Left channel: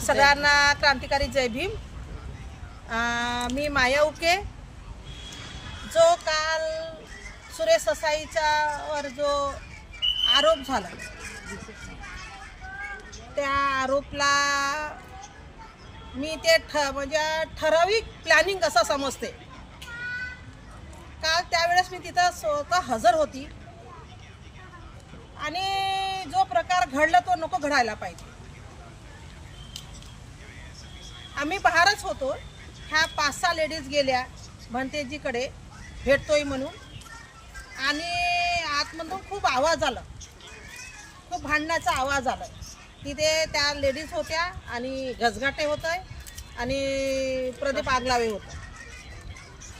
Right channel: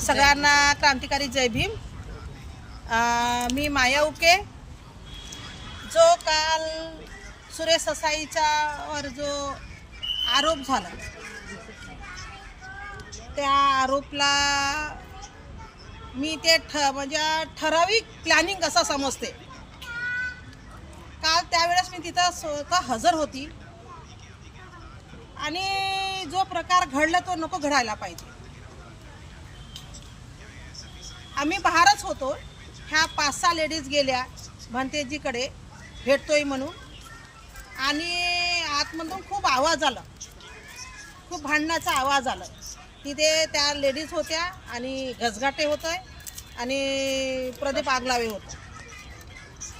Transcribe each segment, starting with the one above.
सगळ्यांना क्रांतिकारी जय भीम। मी माया उके। जो काल सुरेश ससाईच्या वर जो आरोप झाला त्या आरोपला मी ते म्हणजे ठराविक प्लॅनिंग असं समजते। काल त्यावेळेस मी तिथं स्वतः हजर होती आणि जो प्रकार घडला तो नको घडायला पाहिजे। आम्ही बाहेरच होतो, ह्या 5-6 लेडीज गेल्या भंतेजीकडे भेटतोय म्हणून, आणि आतमधून खूप आवाज आला, खूप भांडण्याचा आवाज आला। तिथे त्या लेडीज होत्या आणि गजगाटे होत आहे आणि प्रदीप आगलावे होता।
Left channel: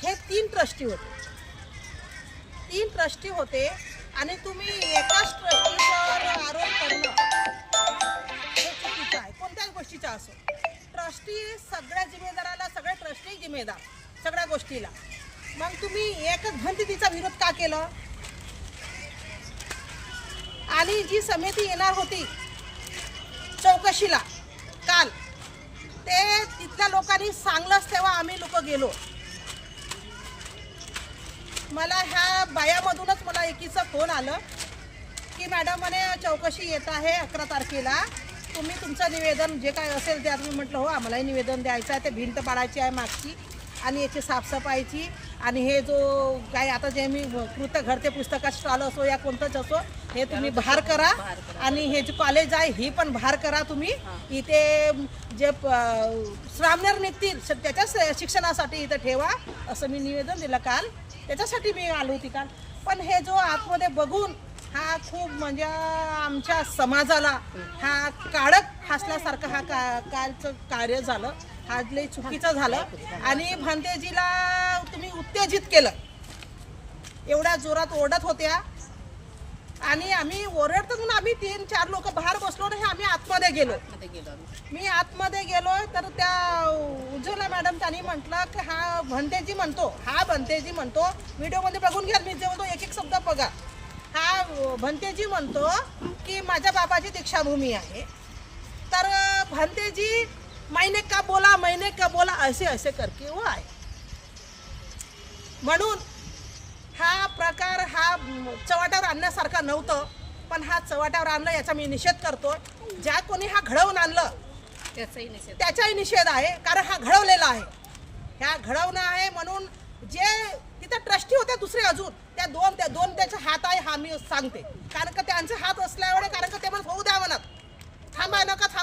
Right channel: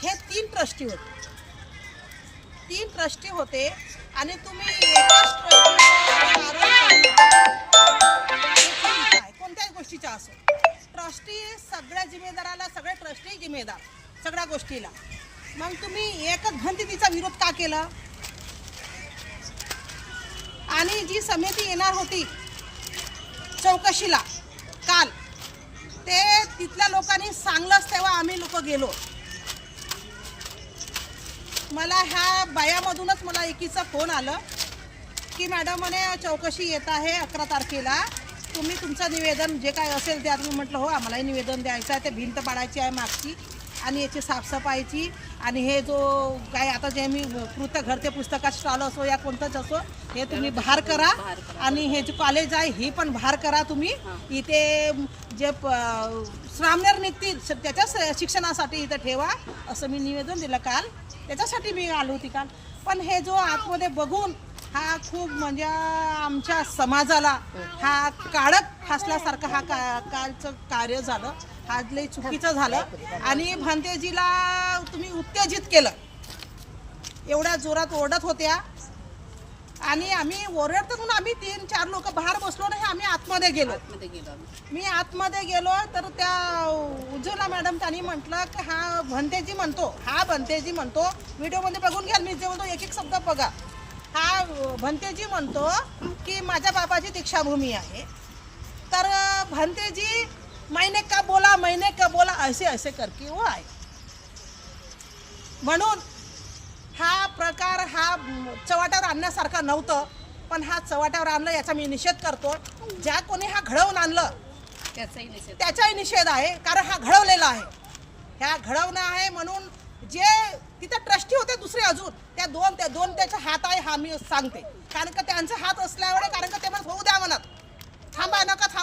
हे 3 ट्रस्टी होते, 3 ट्रस्टी होते आणि तुम्ही एकाच ट्रस्टीवर आरोप करणं हे चुकीचं आहे। कोणत्याही गोष्टीचा असो, ट्रस्टी सगळ्या जिम्मेदाराला, सगळे ट्रस्टी जिम्मेदार सगळ्या गोष्टीला। मग तुम्ही एकच भंतीचा विरोध का केला? आणि जी समिती येणार होती चौकशीला काल, ते तिथल्या लोकांनी सांगलंच तेव्हा आम्ही लोक गेलो। मला ह्या बायामधूनच मला एकीचा फोन आलं की मॅडम म्हणे चौकशी येत आहे 11 तारखेला, तुम्ही तुमचं निवेदन जे काय असेल ते। मी म्हटलं हो, आम्हालाही निवेदन द्यायचं आहे, ते भिंत पाडायची आहे मागची आणि याची साफसफाईची, आणि हे जो काय आता जे मी कृत घरते पुस्तकात स्टॉल असो या कोणतंच असो, हे तुम्ही बाहेर करा, आणि हे जे कॉलेज आहे ही पण बाहेर करा तुम्ही। इथे जे श्रामनेर निघतील त्याच्या शिक्षणासाठी इथं ठेवा, असं मी निवेदन दिलं काल। त्याच्यासाठी मी आलो होती काल। पण हे जो आतमध्ये बघून हा खूप म्हणजे आमच्या समाजाला हा काळक फासल्यासारखं हा कालचं कार्य झालं। हा लई चुकीचं झालं आणि भंतेजीला तुम्ही उत्तेजित केलं। एवढ्या जोरात ओरडत होत्या आणि आम्ही ओरडत म्हणून आम्ही 3-4 लोक बाहेर बसलो नाही, आम्ही आतमध्ये गेलो। मी आतमध्ये गेलो तर त्या उज्ज्वला मॅडम त्यांनी म्हटलं की हा भंतेजी म्हणतो, व्हिडिओमध्ये बघून घ्या, मी जेवढं एक शब्द बघा। हा भंतेजी म्हणतो की माझ्या बाबाची दीक्षाभूमी आहे, तर भंतेजी मैंने का बोला असे करके वो आहे। म्हणून हा प्रकार हा चव्हाट्यावर आणण्यासारखा नव्हतं, पण हा चव्हाट्यावर आणलं याचा मी निषेध करतो। ज्या कोणी हा घडवून आणलं त्याचाही निषेध आहे, कारण हा घडवलेला आहे, ह्या घडवणं आहे। म्हणून जे तिथे ट्रस्टी होते दुसरे अजून त्या दोन त्याचे हात आहे, हा मी सांगते, कारण का त्यांचे हात असल्यावर, कारण का ते म्हणत होऊ द्या म्हणत, थांबा नका थांबा।